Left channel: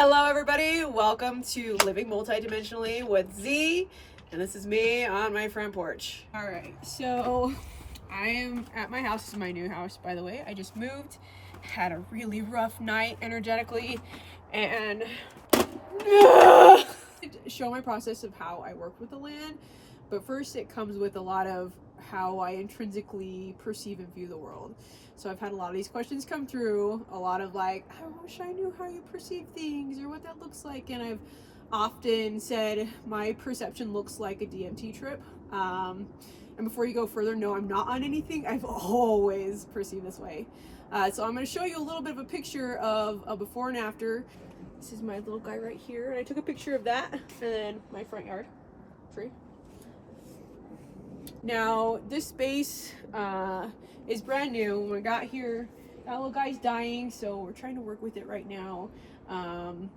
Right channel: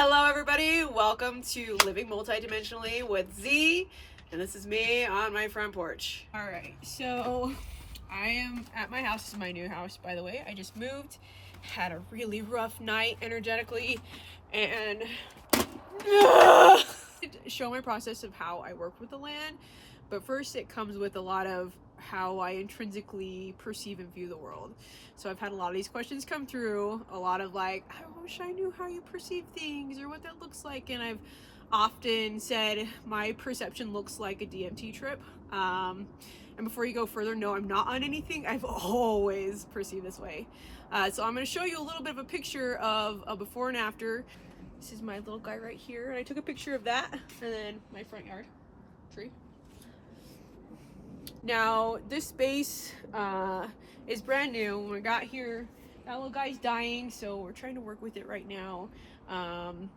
Hello everybody, welcome to Living Multidimensionally with Z, and this is me on my front porch. Alright, so I am at my house. This is my new house, by the way. I just moved, had a really rough night energetically, and show my process of how I work with the land. But first it comes with a lot of how I intrinsically perceive and view the world. So I've had a lot of these questions come through, a lot of like, I wish I knew how you perceive things or what that looks like. And I've often said my perception looks like a DMT trip. And before you go further, no, I'm not on anything. I've always perceived this way. So I'm going to show you a little bit of a picture of a before and after. This is my little guy right here. And I took a picture of that and then my front yard tree. Now this space is brand new. When we got here, that little guy's dying, so we're trying to work with it right now. But I'm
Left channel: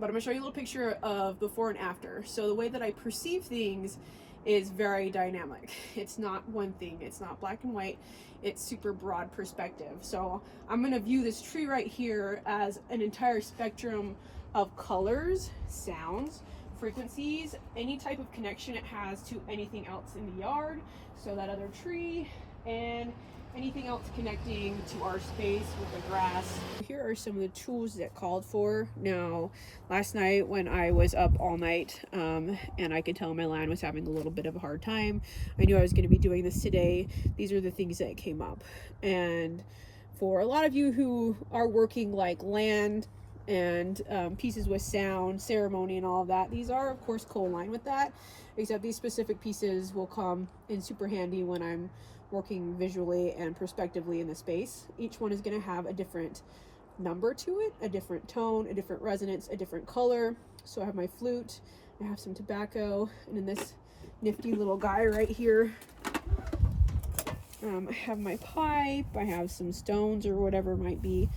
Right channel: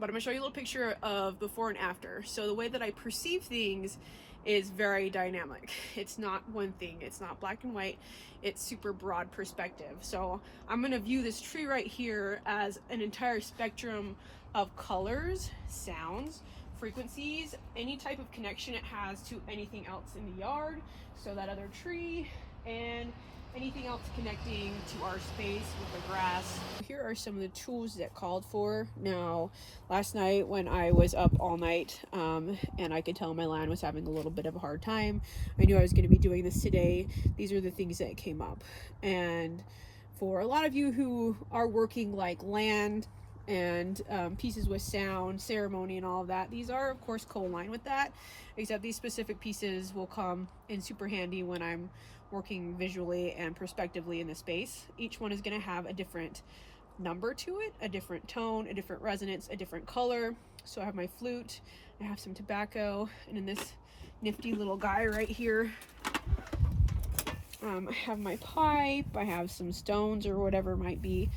gonna show you a little picture of before and after. So the way that I perceive things is very dynamic. It's not one thing, it's not black and white, it's super broad perspective. So I'm gonna view this tree right here as an entire spectrum of colors, sounds, frequencies, any type of connection it has to anything else in the yard, so that other tree, and anything else connecting to our space with the grass. Here are some of the tools that called for. Now, last night when I was up all night and I could tell my land was having a little bit of a hard time, I knew I was going to be doing this today. These are the things that came up. And for a lot of you who are working like land and pieces with sound, ceremony, and all of that, these are of course co-aligned with that, except these specific pieces will come in super handy when I'm working visually and prospectively in the space. Each one is going to have a different number to it, a different tone, a different resonance, a different color. So I have my flute, I have some tobacco, and in this nifty little guy right here, I have my pipe, I have some stones or whatever it might be.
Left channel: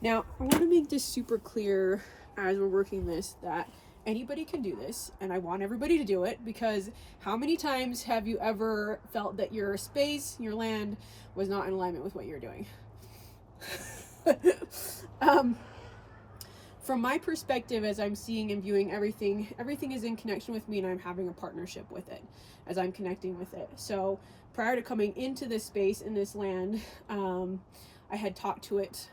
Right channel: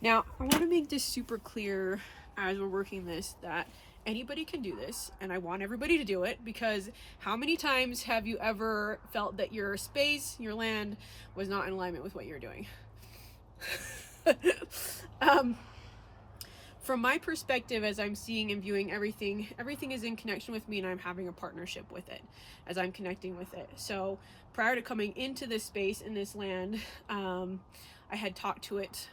Now, I want to make this super clear as we're working this that anybody can do this, and I want everybody to do it, because how many times have you ever felt that your space, your land, was not in alignment with what you're doing? From my perspective, as I'm seeing and viewing everything is in connection with me, and I'm having a partnership with it as I'm connecting with it. So prior to coming into this space in this land, I had talked to it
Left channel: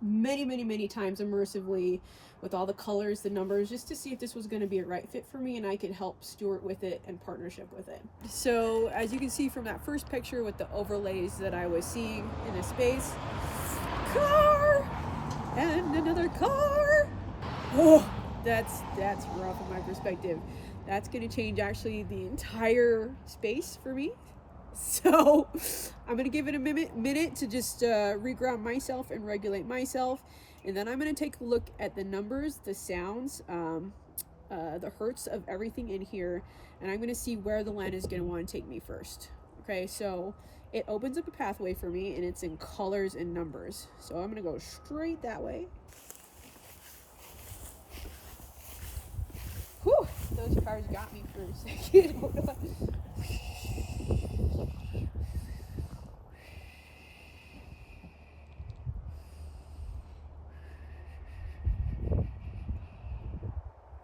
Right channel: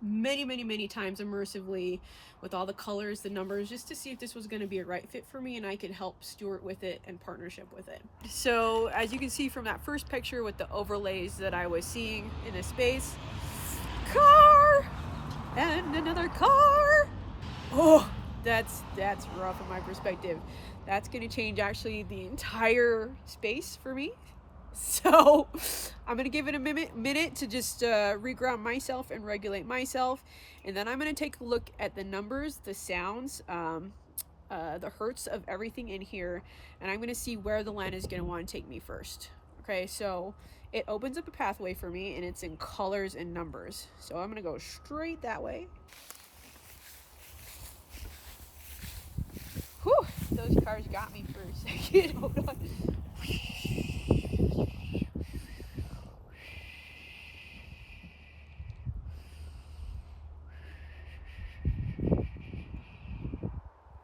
many times immersively with all the colors, the numbers, just to see if this was going to be a right fit for me and I could help steward with it and partnership with it. So as you can see from that first picture with the overlays that I was seeing in this space, car and another car. Oh, that's rough from my perspective. That's going to change actually the entire space for me. So I'm going to give it a minute to just reground myself and regulate myself. And then I'm going to take a look at the numbers, the sounds, the hertz of everything in here. And I'm going to see where the land is going to want to take me first. Okay, so it opens up a pathway for me, and it's in colors and numbers. So I'm going to go straight that way. Whew, those cars got me for a second. Hold on.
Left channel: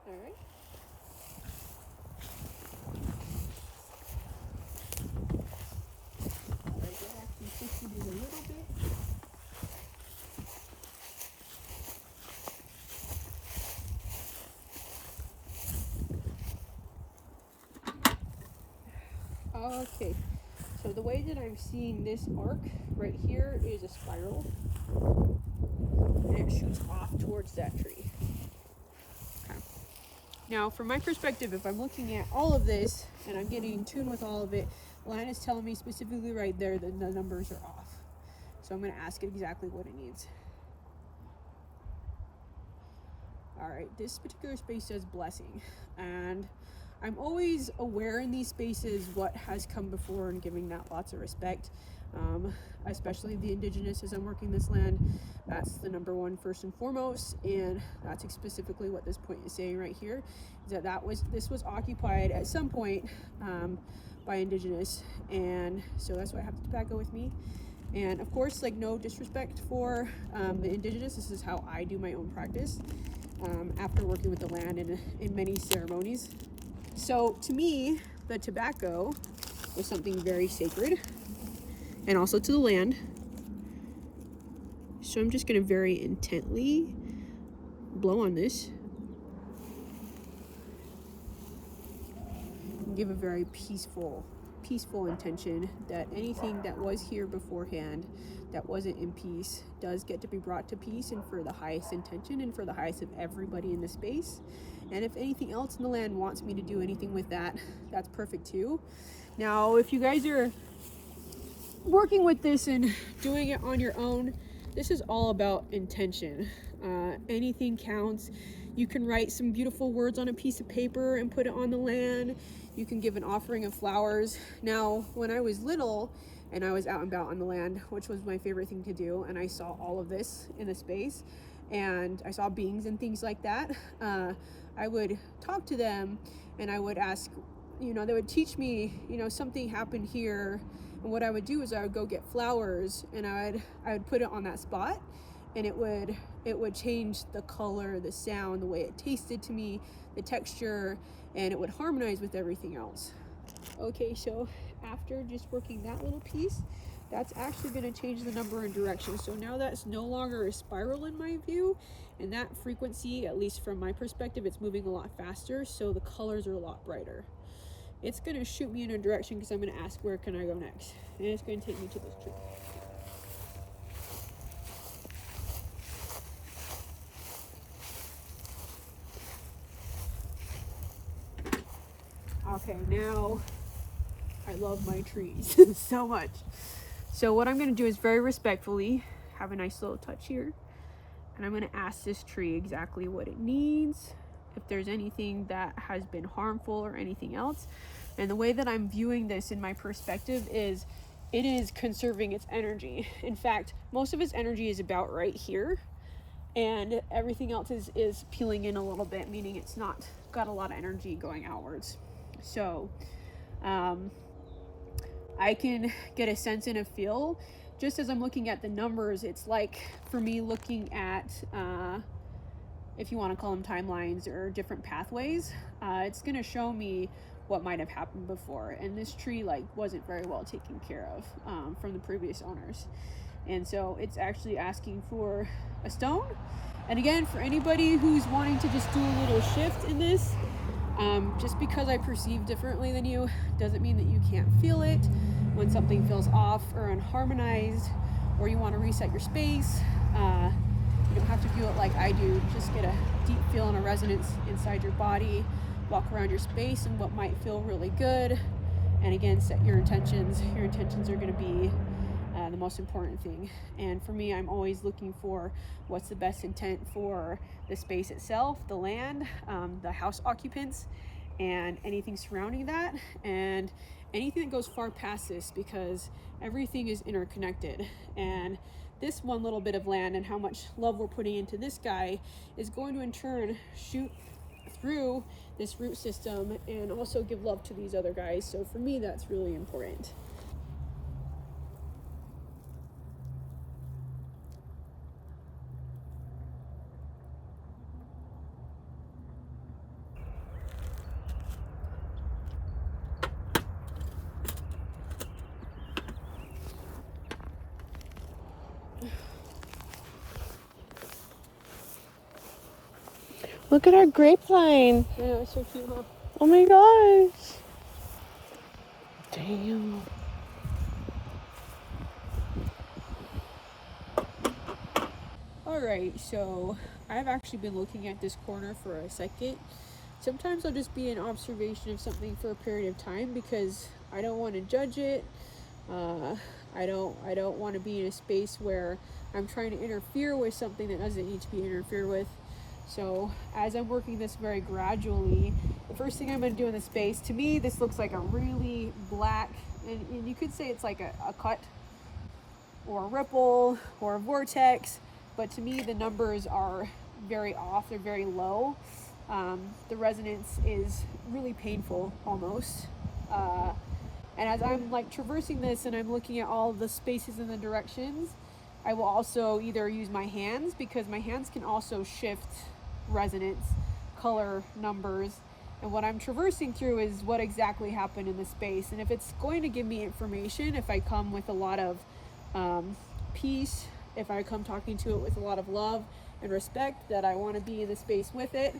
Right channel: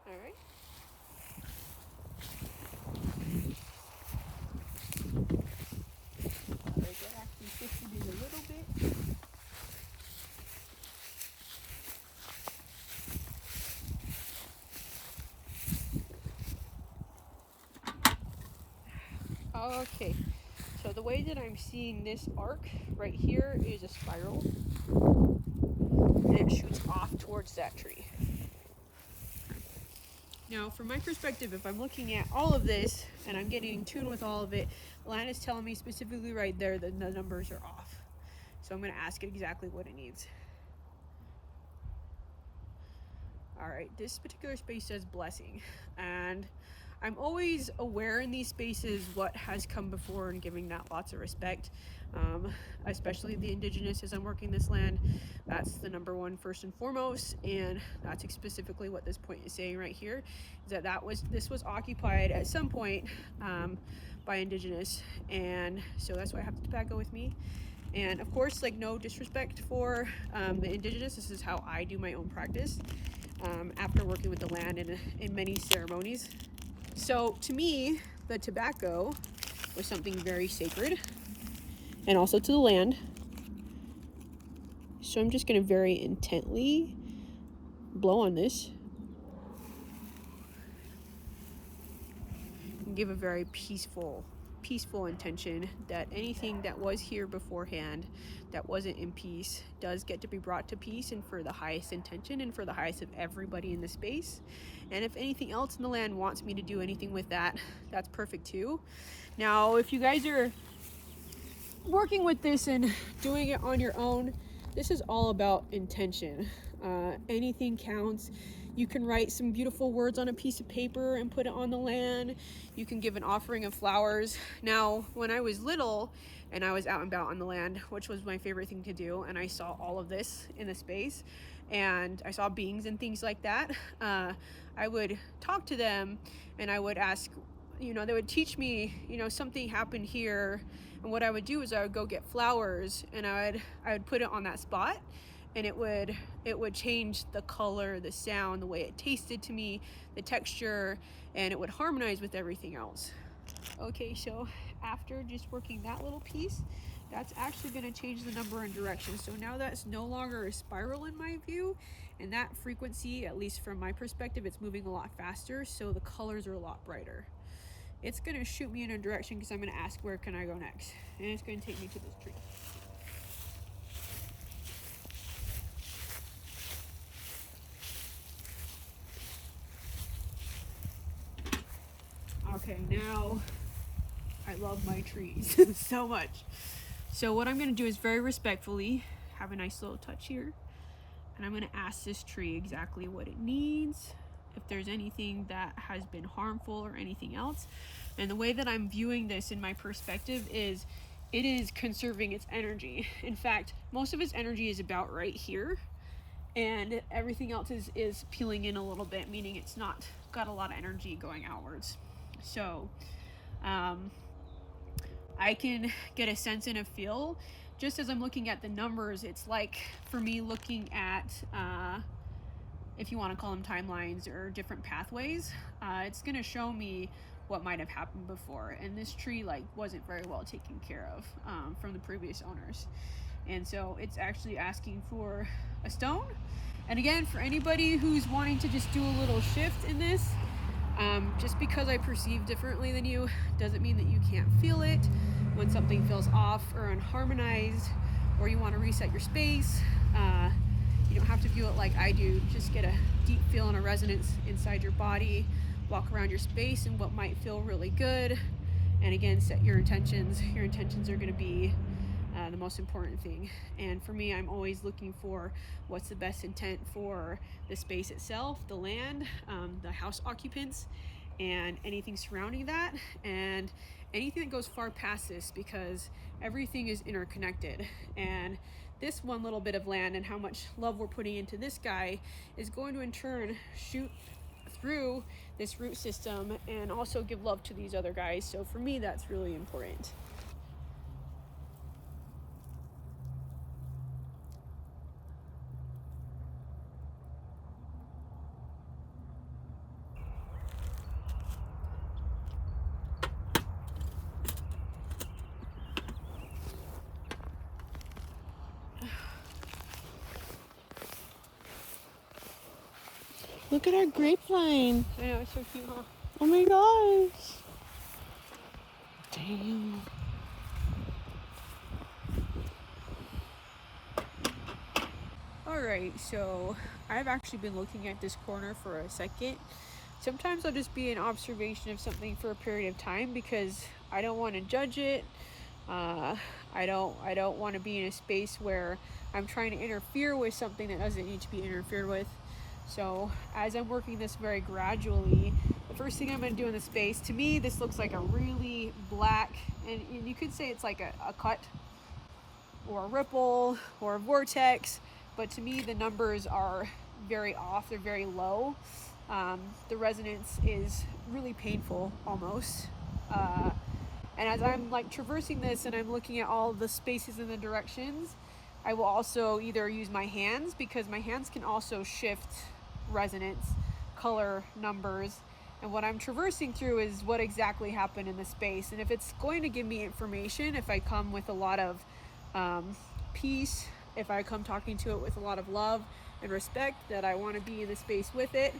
Alright. Alright, that actually shifted it a little bit. Okay, so the way that I'm seeing this arc right here is a spiral, and it shoots off towards that tree. Okay. Now, from my perspective, if I'm looking at all of this and I'm getting in tune with all of it, the line is telling me specifically right there that the numbers are off. So I'm going to ask it exactly what it needs. Alright, this particular space says blessing, and I'm always aware in these spaces what has come before and giving that lots of respect, especially the indigenous as I'm working this land. That's the number one first and foremost, and that's specifically what this point is saying right here, is that this was occupied at some point by indigenous, and so that's why I have the tobacco with me. And of course, like, no disrespect for the indigenous, this is how I do my own practice. after working with the land in many ceremonies. So to me, the tobacco was something very sacred, and also to the land. So I'm just going to very intently blow on this. And give a very peaceful intention that anything that was here beforehand that wasn't in peace does get to be brought to peace, and for the highest intention and for the highest of everybody in the space. And if anything else in the land wants me to do anything with that, that's perfect too. Now, if you guys are working with this and doing it on your own, this is all about intention. Anything counts. You can write some beautiful words on a piece of paper and put it on the land. You can give an offering of flowers. Now, when I was little and I was out and about on the land, which was my favorite thing to do, and I saw all of this in the space, and I saw beings and things like that, I would talk to them and I would ask, they would teach me, something happened here. And what I would do is I would go get flowers and I would put it on that spot, and it would change the color, the sound, the way it tasted to me, the texture, and it would harmonize with everything else. Okay, so after just working that little piece, that's actually going to change the number and direction. So now that's no longer a spiral in my view, and that frequency, at least from my perspective, it's moving a lot faster, so the colors are a lot brighter. It's going to shoot me in a direction because I'm going to ask where can I go next, and it's going to take me to this tree. Okay, now I love my trees so much. So what I'm going to do is very respectfully have a nice little touch here, and I'm going to ask this tree exactly what it needs, if there's anything that has been harmful or anything else. And the way that I'm viewing this in my perspective is it is conserving its energy. In fact, most of its energy is about right here, and everything else is peeling in a little bit, meaning it's not got a lot of energy going outwards. So I can get a sense and a feel just as I'm looking at the numbers. It's like, for me, looking at if you want to call them timelines or different pathways, it's going to show me what might have happened before, and this tree wasn't very well taken care of from the previous owners, and so it's actually asking for a stone. And again, for anybody who's wanting to just do a little shift in this, just because I perceive differently than you doesn't mean that you can't feel it when something feels off or unharmonized, or you want to reset your space. You don't have to view it like I do. Just get a deep feel and a resonance inside your body, walk around your space and what might feel really good, and again, set your intentions. Your intentions are going to be the most important thing. And for me, I'm always looking for what's the best intent for the space itself, the land, the house occupants, and anything surrounding that, and anything that goes far past this, because everything is interconnected. And this one little bit of land and how much love we're putting into this guy is going to in turn shoot through this root system and also give love to these other guys. So for me, that's really important. Look at our grapevine. I know, it's so cute, huh? Oh my gosh. Damn. Alright, so I've actually been looking at this corner for a second. Sometimes I'll just be in observation of something for a period of time because I don't want to judge it. I don't want to be in a space where I'm trying to interfere with something that doesn't need to be interfered with. So as I'm working this very gradually, the first thing I'm going to do in the space, to me, this looks like a really black, and you could say it's like a cut or a ripple or a vortex, but to me, the numbers are very off. They're very low. The resonance is really painful almost. And as I'm traversing this and I'm looking at all the spaces and the directions, I will also either use my hands, because my hands can also shift resonance, color, numbers, and what I'm traversing through is what exactly happened in the space. And if it's going to give me information, if I come with a lot of peace, if I come talking to it with a lot of love and respect, that I want to be in the space with it,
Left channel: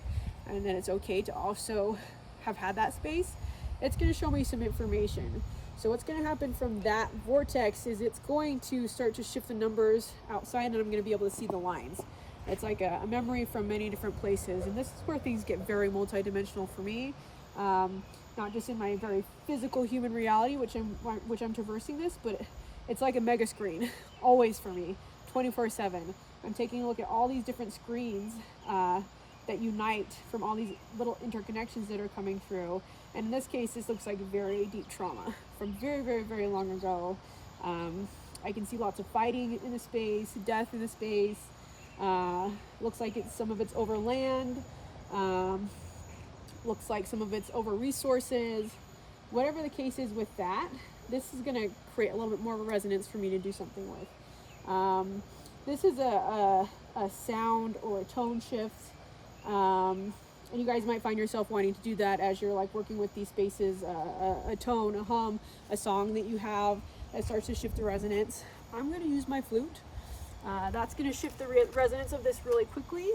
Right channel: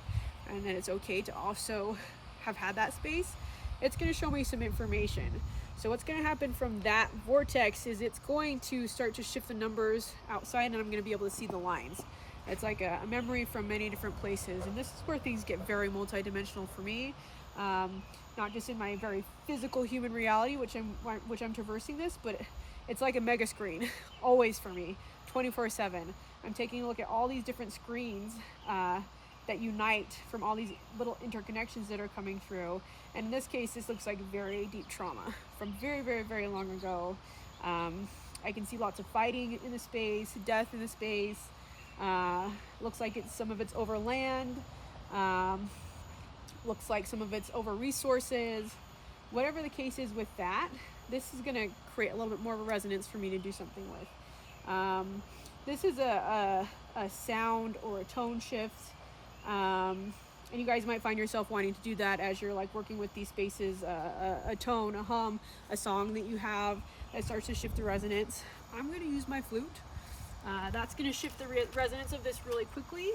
and that it's okay to also have had that space, it's going to show me some information. So what's going to happen from that vortex is it's going to start to shift the numbers outside, and I'm going to be able to see the lines. It's like a memory from many different places, and this is where things get very multidimensional for me. Not just in my very physical human reality, which I'm traversing this, but it's like a mega screen, always for me, 24/7. I'm taking a look at all these different screens that unite from all these little interconnections that are coming through. And in this case, this looks like very deep trauma from very, very, very long ago. I can see lots of fighting in the space, death in the space. Looks like some of it's over land. Looks like some of it's over resources. Whatever the case is with that, this is going to create a little bit more of a resonance for me to do something with. This is a sound or a tone shift. And you guys might find yourself wanting to do that as you're like working with these spaces, a tone, a hum, a song that you have that starts to shift the resonance. I'm going to use my flute. That's going to shift the resonance of this really quickly.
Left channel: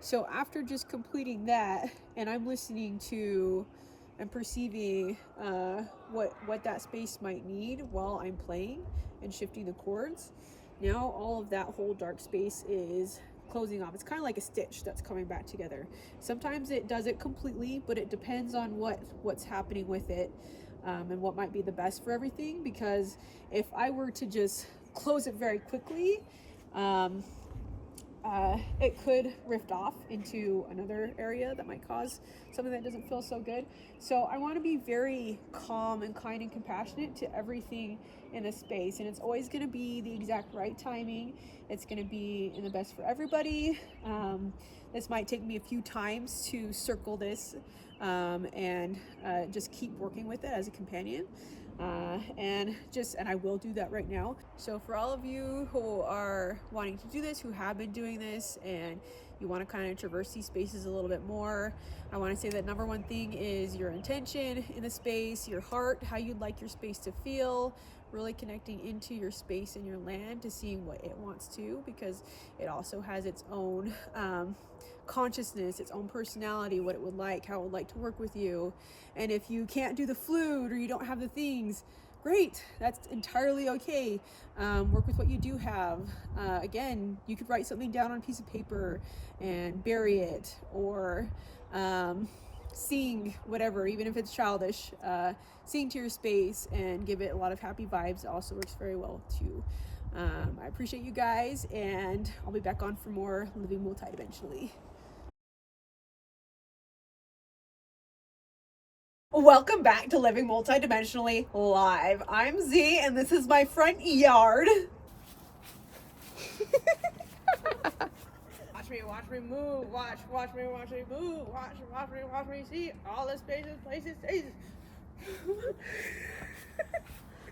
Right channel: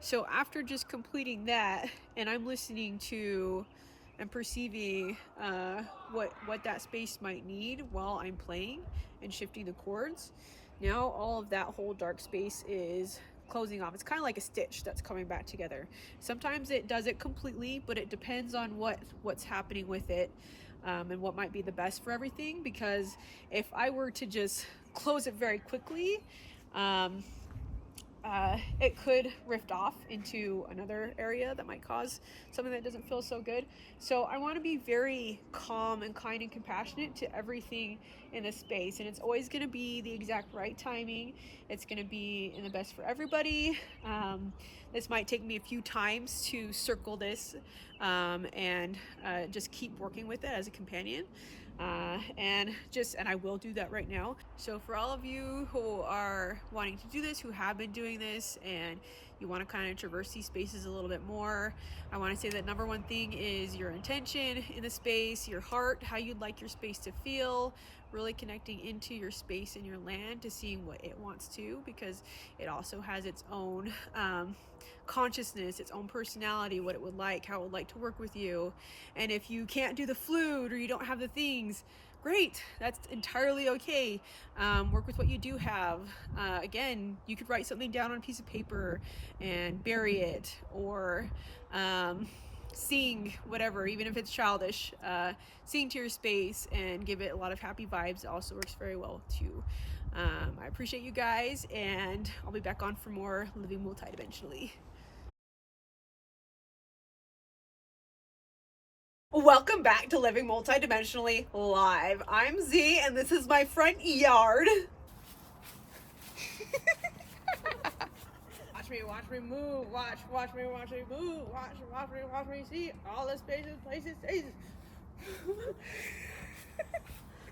So after just completing that, and I'm listening to and perceiving what that space might need while I'm playing and shifting the chords, now all of that whole dark space is closing off. It's kind of like a stitch that's coming back together. Sometimes it does it completely, but it depends on what's happening with it, and what might be the best for everything. Because if I were to just close it very quickly, it could rift off into another area that might cause something that doesn't feel so good. So I want to be very calm and kind and compassionate to everything in this space, and it's always going to be the exact right timing. It's going to be in the best for everybody. This might take me a few times to circle this, and just keep working with it as a companion. And I will do that right now. So for all of you who are wanting to do this, who have been doing this, and you want to kind of traverse these spaces a little bit more, I want to say that number one thing is your intention in the space, your heart, how you'd like your space to feel, really connecting into your space and your land to seeing what it wants to, because it also has its own consciousness, its own personality, what it would like, how it would like to work with you. And if you can't do the flute or you don't have the things, great, that's entirely okay. Work with what you do have. Again, you could write something down on a piece of paper and bury it, or sing whatever, even if it's childish, sing to your space and give it a lot of happy vibes. It also works very well too. I appreciate you guys, and I'll be back on for more Living Multidimensionally. Welcome back to Living Multidimensionally Live. I'm Z, and this is my front yard. Watch me move. Watch me move. Watch me see all the spaces, places, stages.